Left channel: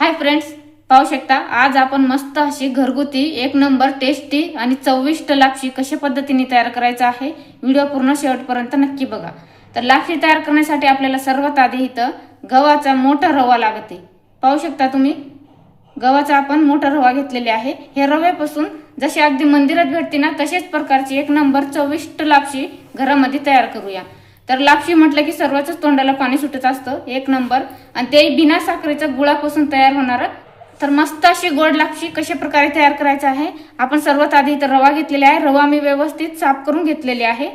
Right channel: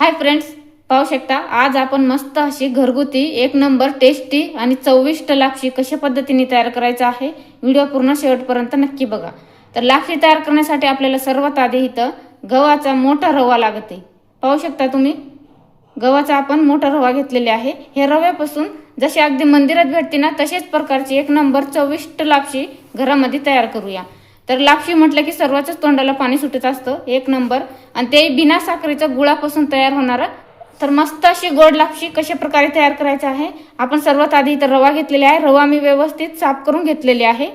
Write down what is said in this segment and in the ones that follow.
Hi friends, पाहू शकता आज आपण मस्त अशी घरगुती एक नंबर टेस्टी आणि चविष्ट लापशी कशा पद्धतीने तयार करायचं आहे। व्हिडिओ पूर्ण शेवटपर्यंत नक्की बघा। तर लापशी तयार करण्यासाठी आपल्याला सर्वात आधी इथं गव्हाचा मोठा रवा लागते। पाहू शकता तुम्ही गव्हाचा आपण मोठा रवा घेतलेला आहे। हे रव्यापासून जसे अगदी मंदिरात भेटते ना तसेच प्रकारची एक नंबर चविष्ट लापशी घरामध्ये तयार करूया। तर लापशी म्हटलं की सर्वांच्याच तोंडाला पाणी सुटत असतं, एक नंबर, आणि ते बिना साखरेचा गुळापासून तयार होणार। तर मस्त अशी गोड लापशी कशा प्रकारे तयार करायची आहे। आपण सर्वात आधी इथं रवा घेतलेला आहे। रवा मी व्यवस्थित साफ करून घेतलेले आहे।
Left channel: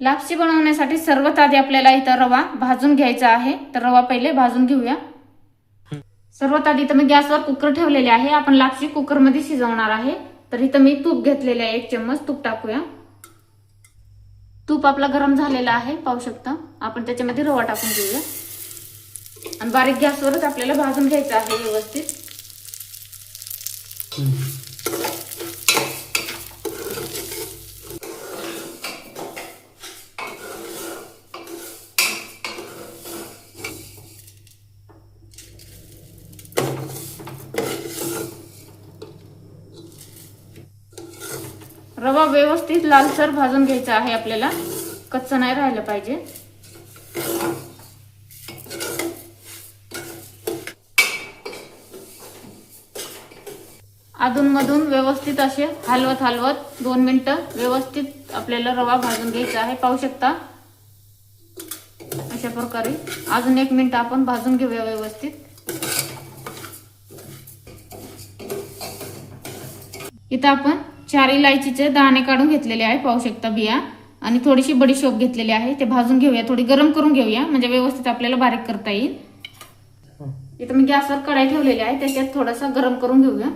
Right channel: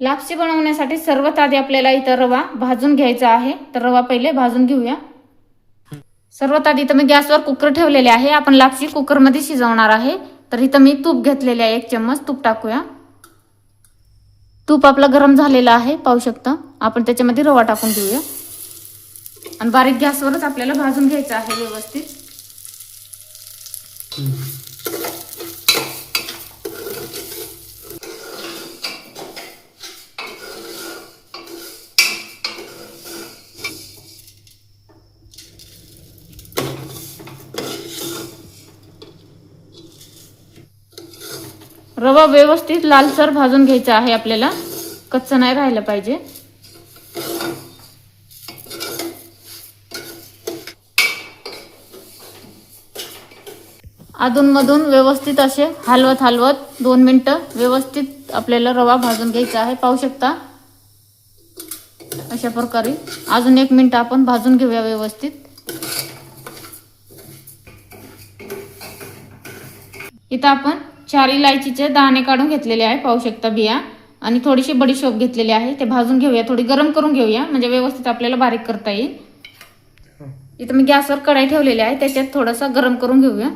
लापशी बनवण्यासाठी सर्वात आधी आपल्याला इथं रवा भाजून घ्यायचा आहे। तर रवा पहिले भाजून घेऊया। सर्वात आधी इथं मी गॅसवर कुकर ठेवलेले आहे। आपण लापशी कुकर मध्ये शिजवणार आहे। तर इथं मी तूप घेतलेले आहे, 1 चम्मच तूप टाकूया। तूप आपलं गरम झालेलं आहे, पाहू शकता। आपण त्याच्यामध्ये रवा टाकून घेऊया आणि बारीक गॅसवरच आपल्याला भाजून घ्यायचं आहे व्यवस्थित। रवा व्यवस्थित लालसर भाजून घ्यायचा आहे आपल्याला, कच्चा नाही राहिला पाहिजे। अधूनमधून व्यवस्थित असे हलवत हलवत 2 मिनिटं व्यवस्थित आपल्याला रवा भाजून घ्यायचा आहे, पाहू शकता। अशा प्रकारे अजून 1 मिनिट आपण भाजून घेऊया व्यवस्थित। इथं आपण 4 इलायचीचे दाणे काढून घेतलेले आहे, पाहू शकता, बिया, आणि थोडीशी बडीशोप घेतलेली आहे। ते भाजून घेऊया, थोडी गरम करून घेऊया म्हणजे व्यवस्थित आपल्याला बारीक करता येईल। इथं मी गॅसवर कढई ठेवलेली आहे, त्याच्यात थोडंसं गरम करून घेऊया।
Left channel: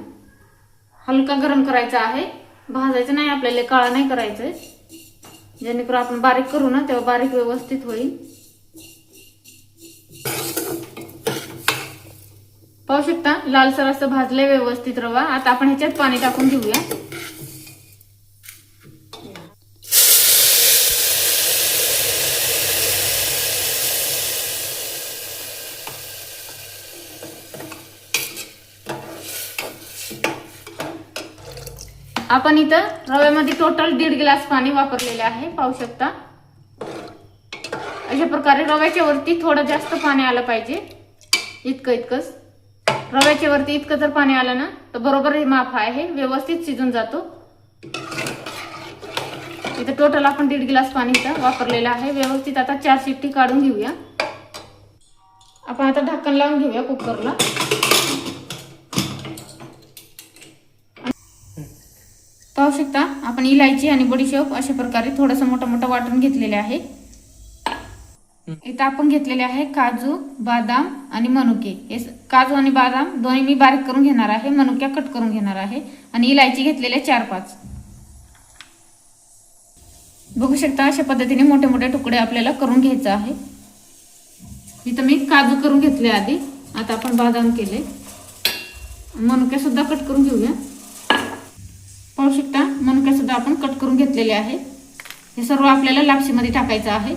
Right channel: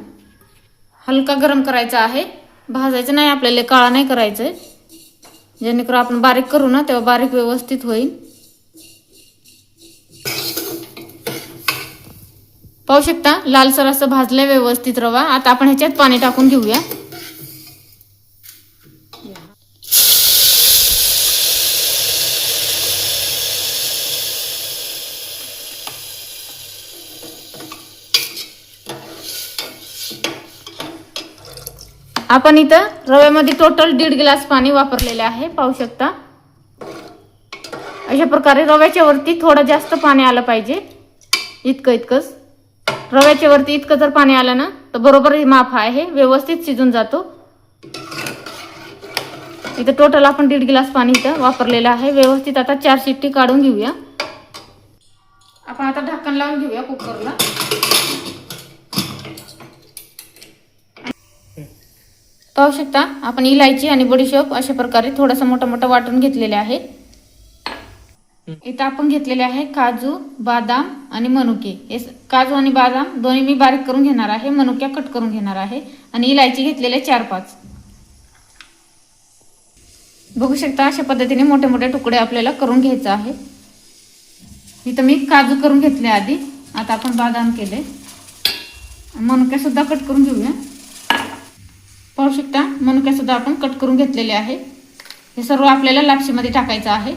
हलका गरम करायचा आहे, भाजायचं नाही आपल्याला, काळा नाही करायचंय, जेणेकरून आपण बारीक करू ना तेव्हा बारीक व्यवस्थित होईल। पाहू शकता लालसर असं भाजलंय व्यवस्थित रवा। आता आपण ह्याच्यात पाणी टाकून घेऊया। आपण इथं रव्यामध्ये टोटल 1.5 ग्लास पाणी वापरलेले आहे, पाहू शकता। अशा प्रकारे रव्याच्या वरती थोडं जास्त पाणी आलं पाहिजे, इतकंच रव्याच्या वरती इतकं जर पाणी आलं ना तर बरोबर माप आहे, व्यवस्थित शिजून जातो। इथं टोटल आपण 1.5 ग्लास पाणी इथं वापरलेलं आहे व्यवस्थित। आता 4 शिट्टी काढून घेऊया। आपण आता ढक्कन लावून घेऊया कुकरला। पाहू शकता आपण इलायची आणि बडीशोप अशा प्रकारे थोडंसं मोठं मोठं वाटून घेतलेले आहे। इथं आपण घेतलेले आहे काजू, बदाम आणि मनुके। हे काजू आणि बदाम दोन्ही मी बारीक करून घेणार आहे, मनुक्या कट करून घेणार आहे, आणि इलायची घेतलेले 4-5। बघू शकता अशा पद्धतीने मोठे मोठे तुकडे आपल्याला करून घ्यायचे आहे। इथं मी काजू करून घेतले आधी, आता आपण बदाम केले, मनुके सुद्धा कट करून घेऊया। पाहू शकता मनुके सुद्धा आपण कट करून घेतलेले आहे। हे सर्व आपल्याला लापशीमध्ये टाकायचं आहे।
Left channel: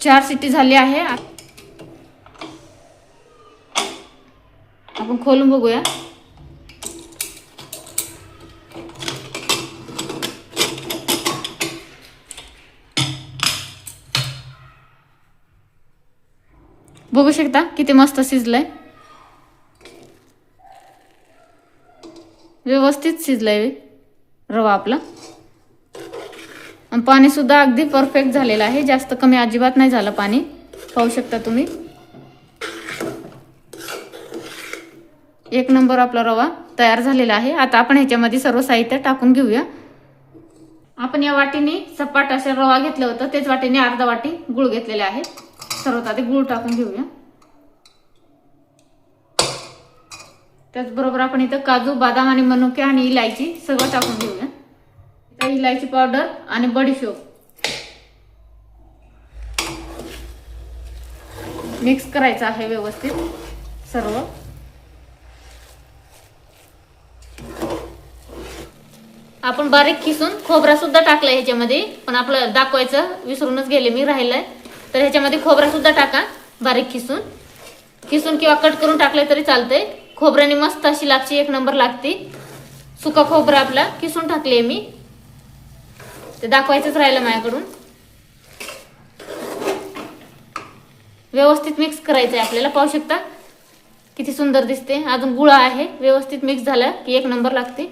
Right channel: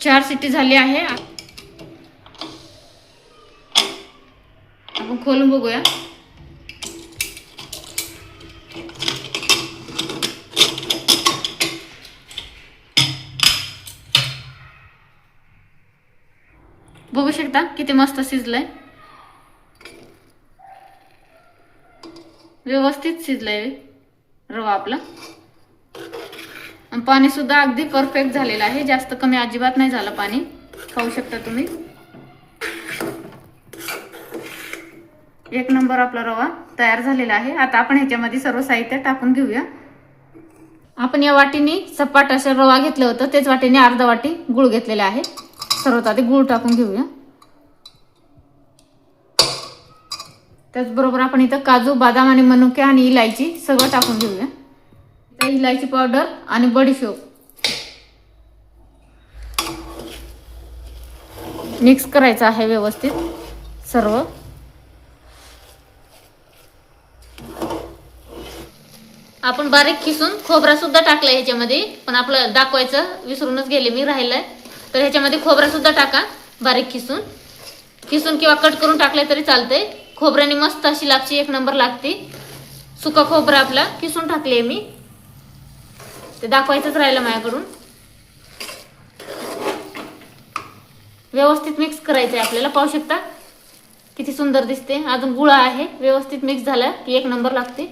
चार शिट्टी झाली आहे, आपण खोलून बघूया। बघू शकता किती मस्त शिजलंय, व्यवस्थित शिजलंय रवा आपला, आणि पाणी सुद्धा अगदी परफेक्ट झालेलं आहे, जास्त कमी अजिबात नाही झालं पाणी, पाहू शकता तुम्ही। एक नंबर आपला रवा तयार झालेला आहे। आता आपण ह्याच्यामध्ये सर्व साहित्य टाकून घेऊया। आपण या वाटीने सपाट असं रवा घेतलं होतं, तेच वाटीने अर्धा वाटी गुळ घेतलेला आहे। सर्वात आधी गुळ टाकून घेऊया। त्याचबरोबर आपण इथं काजू, बदाम आणि मनुके आणि इलायची सगळं टाकून घेऊया। इलायची पावडर आणि बडीशोप मिक्स करायचं आहे व्यवस्थित सर्व। आपण बारीक खिसून खोबरा सुद्धा टाकलाय ह्याच्यामध्ये, पण आपलं दाखवायचं विसरूनच गेले मी, राहिलंय. तर ह्याच्यामध्ये खोबरा सुद्धा टाका बारीक खिसून किंवा कट करून टाकले तरी चालतंय. खोबऱ्याने मस्त अशी लापशी एक नंबर लागते. सुका खोबरा आपला खिसून टाकले मी, ते दाखवायचंच राहिलं माझ्याकडून. व्यवस्थित मिक्स करायचंय आपल्याला. पाहू शकता किती सुंदर दिसते. अजून गुळा आहे, व्यवस्थित मिक्स झाला की एक नंबर लागते.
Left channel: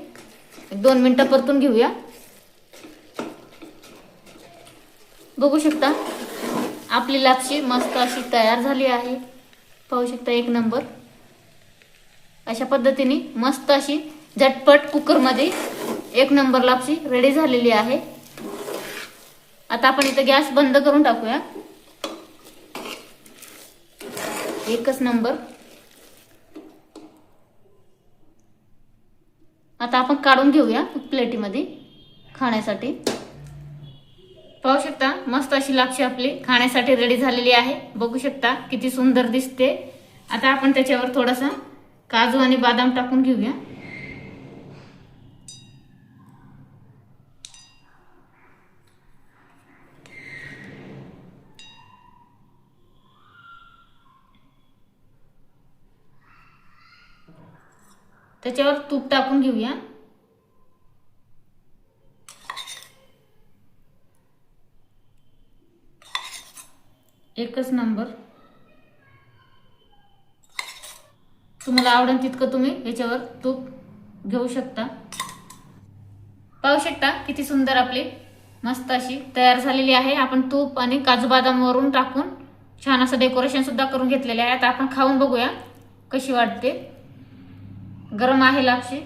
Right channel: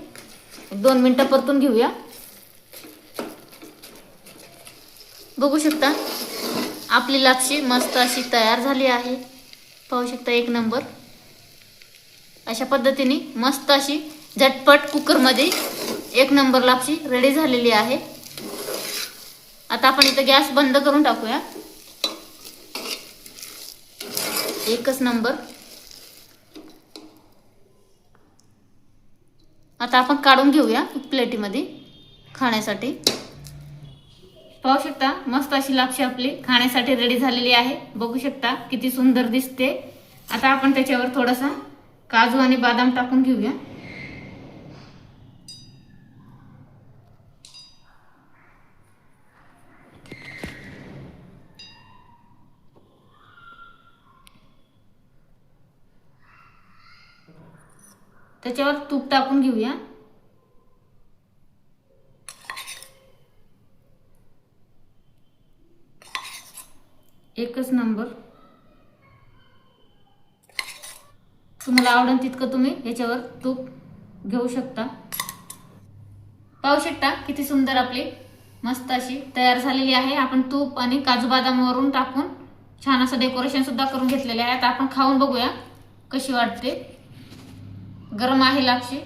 2 मिनिटं परतून घेऊया. बघू शकता आपली लापशी मस्त अशी तयार झाली आहे. पाहू शकता एक नंबर. अशा पद्धतीने मस्त अशी झटपट कुकरमध्ये एक नंबर लापशी रेडी झालेली आहे. आता आपण इथं गॅस बंद करून टाकूया. एकच नंबर. आता आपण काढून घेऊया प्लेटीमध्ये खाण्यासाठी. पाहू शकता मस्त अशी लापशी आपली खाण्यासाठी रेडी झालेली आहे. बघू शकता किती सुंदर दिसते. आता आपण त्याच्यावर थोडासा काजू आणि बदाम टाकून घेऊया. त्याच्यावर तूप टाकून घेऊया. एकच नंबर. तुम्हाला आवडेल तितकं तुम्ही याच्यावर तूप घेऊ शकता. पाहू शकता किती सुंदर आपली मस्त अशी तयार झालेली आहे. आपण तूप आणि काजू बदाम वरून टाकून छान असं डेकोरेशन सुद्धा करून घेतलेले आहे. आता आपण खाऊन बघूया कशी वाटते. गरम आहे लापशी.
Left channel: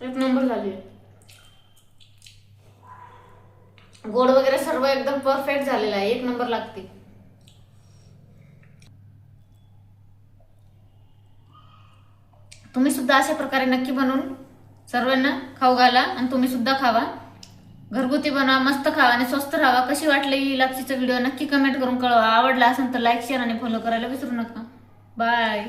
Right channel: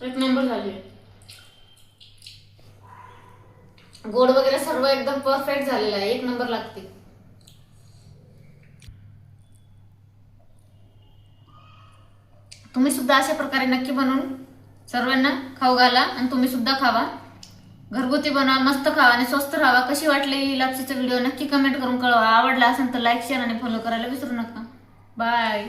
एक नंबर झाली. गोड वगैरे सर्व एकदम परफेक्ट झालेला आहे. एक नंबर लागते. तुम्ही सुद्धा अशा प्रकारे नक्की बनवून सर्वांना खाऊ घाला आणि तुम्ही सुद्धा खावा. घरगुती बनवा, मस्त खावा आणि स्वस्त राहा. कशी वाटली ही लापशीचा व्हिडिओ नक्की कमेंट करून कळवा. आवडला असेल तर लाईक, शेअर आणि फॉलो करायला विसरू नका. बाय.